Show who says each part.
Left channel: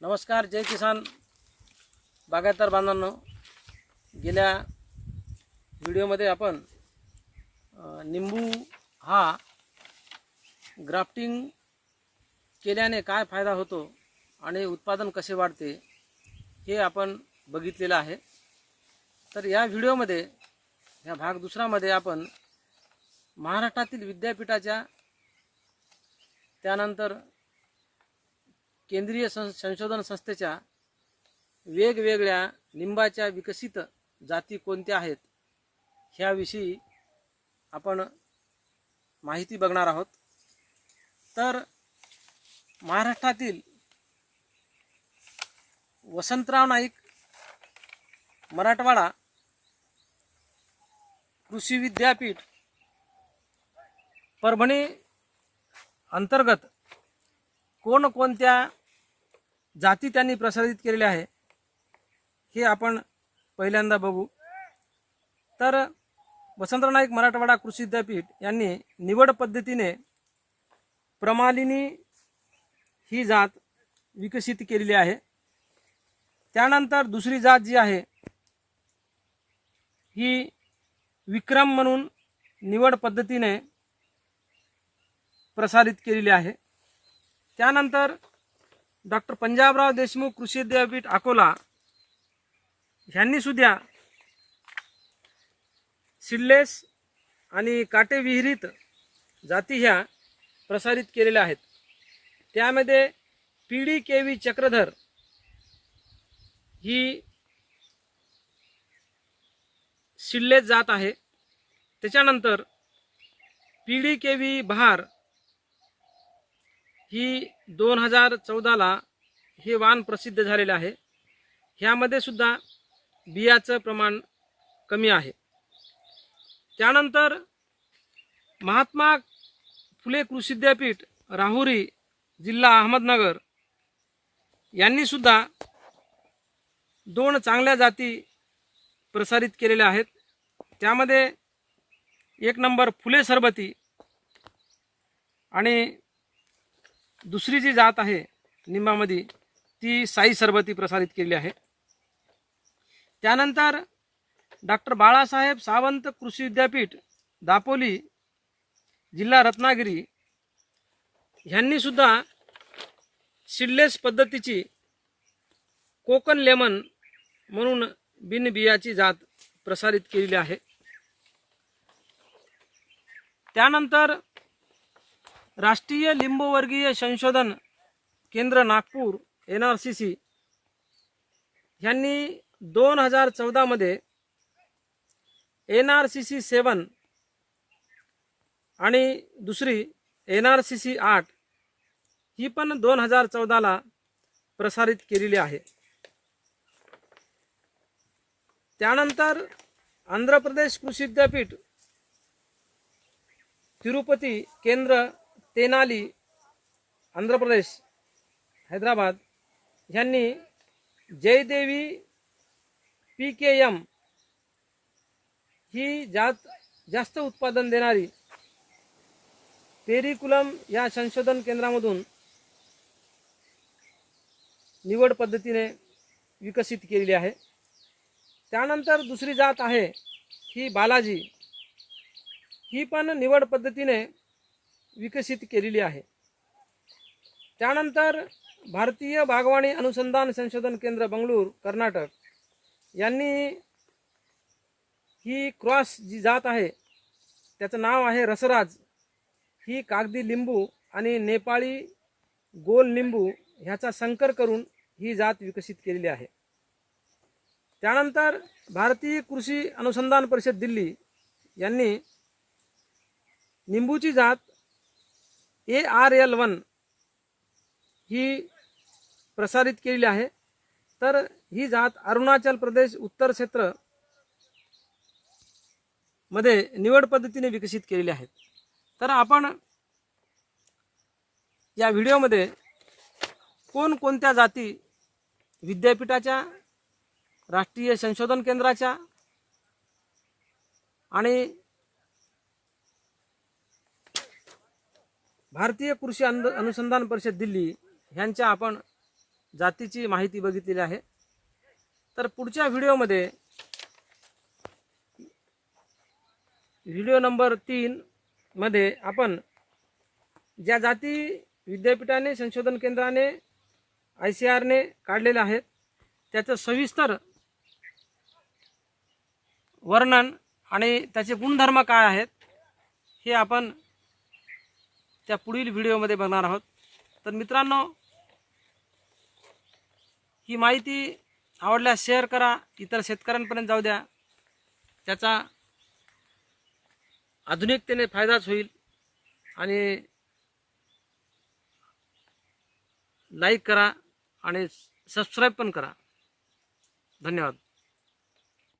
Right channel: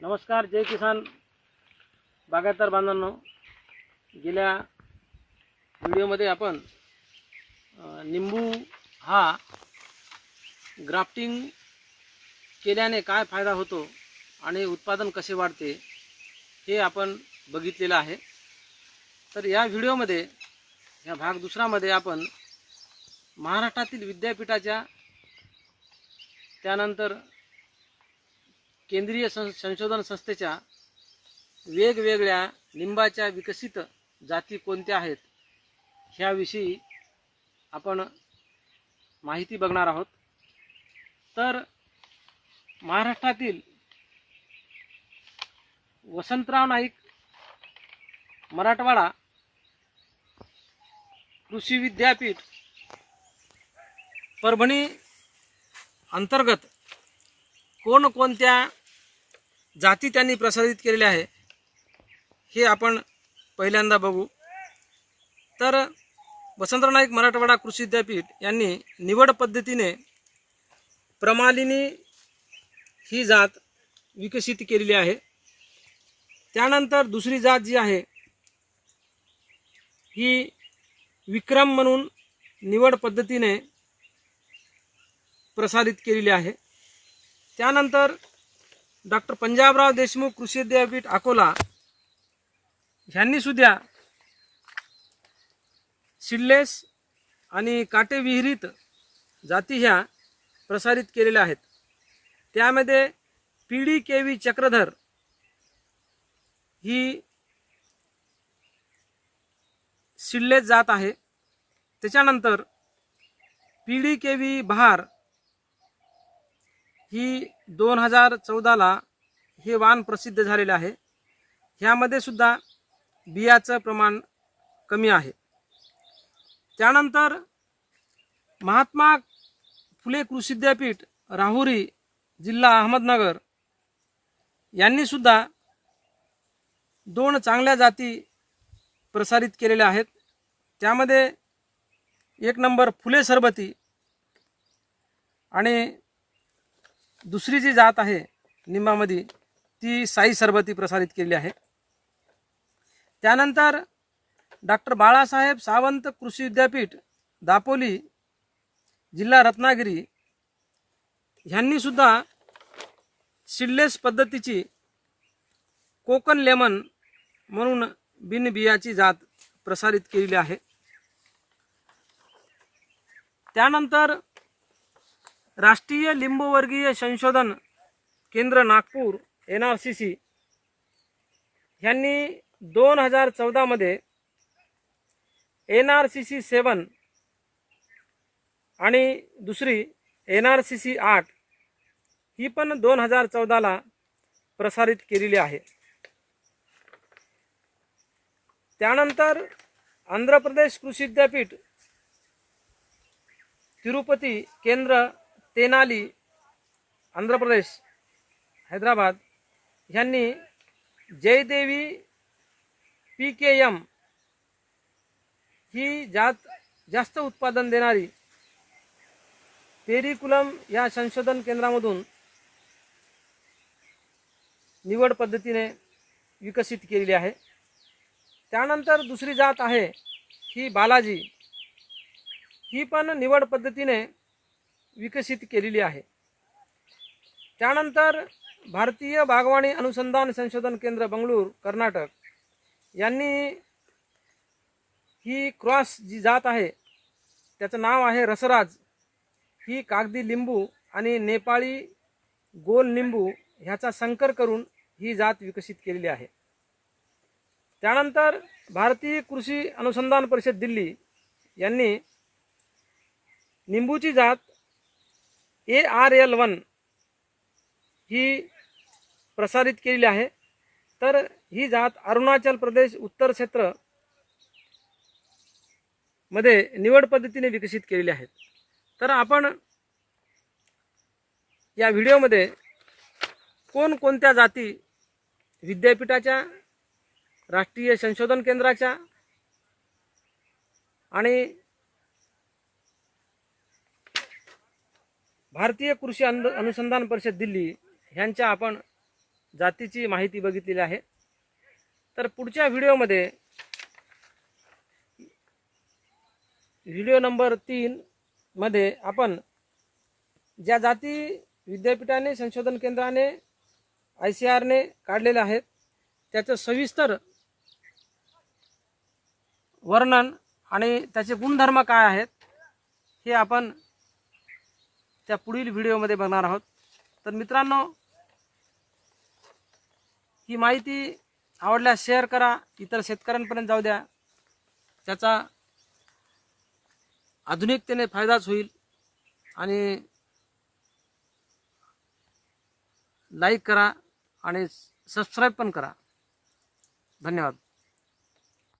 Speaker 1: नमस्कार जय किसान. बागायतदार बांधवांनो गेल्या व्हिडिओमध्ये आपण निंबू हा ग्राफ्टिंग केल्याने काय फायदा होतो आणि उत्पादन कसे वाढते हे आपण बघितलेलं आहे. तर या व्हिडिओमध्ये या भाग दुसरामध्ये आपण महाराष्ट्रातील विद्यापीठाच्या त्यानंतर केंद्रीय सं संशोधन संस्थेच्या वेगवेगळ्या लिंबाच्या विकसित जाती कोणत्या आहेत ह्याविषयी आपण माहिती बघणार आहोत. तर महाराष्ट्रातील वसंतराव नाईक मराठवाडा कृषी विद्यापीठ परभणी अंतर्गत कोणकोणत्या जाती त्यांनी प्रसारित केलेल्या आहे. हे आपण पहिल्यांदा बघू. तर वसंतराव नाईक मराठवाडा कृषी विद्यापीठ यांनी निवड पद्धतीने प्रमालिनी ही जात विकसित केलेली आहे. त्यानंतर दुसरी जात जी आहे ही विक्रम म्हणून निवड पद्धतीने प्रसारित केलेली आहे. त्यानंतर डॉक्टर पंजाबराव देशमुख कृषी विद्यापीठ अकोला ह्यांनी सुद्धा सिल्लेस आणि काटे विहिरीत जाती ह्या प्रसारित केलेल्या आहेत. त्यामध्ये पीडी केवी चक्रधर ही सिल्लेस जात आहे. त्याच्यानंतर पीडी केवी बहार ही दोन हजार चौदाला हे वाण प्रसिद्ध झालेलं आहे. ह्यामध्ये सुद्धा बियाचं प्रमाण कमी आहे. त्यानंतर महात्मा फुले कृषी विद्यापीठ राहुरी जिल्हा अहमदनगर यांनी सुद्धा दोन चांगल्या जाती प्रसारित केलेल्या आहेत. त्यामध्ये एक नंबर फुले सरबती आणि दुसरी जी जात आहे निंबामध्ये ती साई सरबती प्रसारित केलेली आहे. त्यानंतर डॉक्टर बाळासाहेब सावंत कृषी विद्यापीठ दापोली जिल्हा रत्नागिरी ह्यांनी सुद्धा सिडलेस पद्धतीची कोकण लेमन म्हणून बिनबियाची जात प्रसारित केलेली आहे. त्यानंतर राष्ट्रीय लिंबवर्गीय संशोधन केंद्र Nagpur N R C C ह्यांनी दोन हजार चौदामध्ये N R C C seven आणि दुसरी एन आर सी सी आठ ही पण दोन हजार चौदाला प्रसारित केलेली आहे. त्यानंतर आंध्र प्रदेश कृषी विद्यापीठ तिरुपती केंद्र तेनाली आंध्र प्रदेश हैदराबाद ह्यांनी जयदेवी पी के एम ही जात जास्त उत्पादन देणारी पेरिकुलम या संशोधन केंद्रामधून निवड पद्धतीने विकसित केलेली आहे. त्यानंतर दुसरी जात आहे ही बालाजी. ही पण निवड पद्धतीने विकसित केलेली आहे. त्यानंतर भारतीय बागवानी अनुसंधान संशोधन केंद्र बंगळूर कर्नाटक यांनी ही क्रॉस जी जात आहे त्याचं नाव आहे रसराज. ही कागदी लिंबू आणि नेपाळी गोल लिंबू ह्याचा संकर करून ही जात विकसित केलेली आहे. त्यानंतर भारतीय कृषी अनुसंधान परिषद दिल्ली यांनी निंबूची जात ए आर एल वन ही प्रसारित केलेली आहे. तर ही जात अरुणाचल प्रदेश उत्तर क्षेत्रमध्ये निवड पद्धतीने विकसित केलेली आहेत तर आपण या व्हिडिओमध्ये कोणकोणत्या जाती विद्यापीठाच्या राष्ट्रीय संशोधन केंद्राच्या आणि भारतीय कृषी अनुसंधान परिषद दिल्ली ह्यांच्या आपण जातीची माहिती बघितलेली आहे. तर पुढच्या व्हिडिओमध्ये व्हिडिओ नंबर तीन मध्ये आपण ज्या जाती विद्यापीठाने संशोधन केंद्राने आय सी आरने काढलेल्या आहेत त्याचं सविस्तर वर्णन आणि त्याचे गुणधर्म काय आहेत हे आपण त्या पुढील व्हिडिओमध्ये बघणार आहोत. तर मित्रांनो ही माहिती आवडल्यास शेअर करा इतर शेतकऱ्यांपर्यंत जाऊ द्या. त्याचा आधुनिकतेने फायदाच होईल आणि लाईक करा आणि सबस्क्राईब पण करा. धन्यवाद.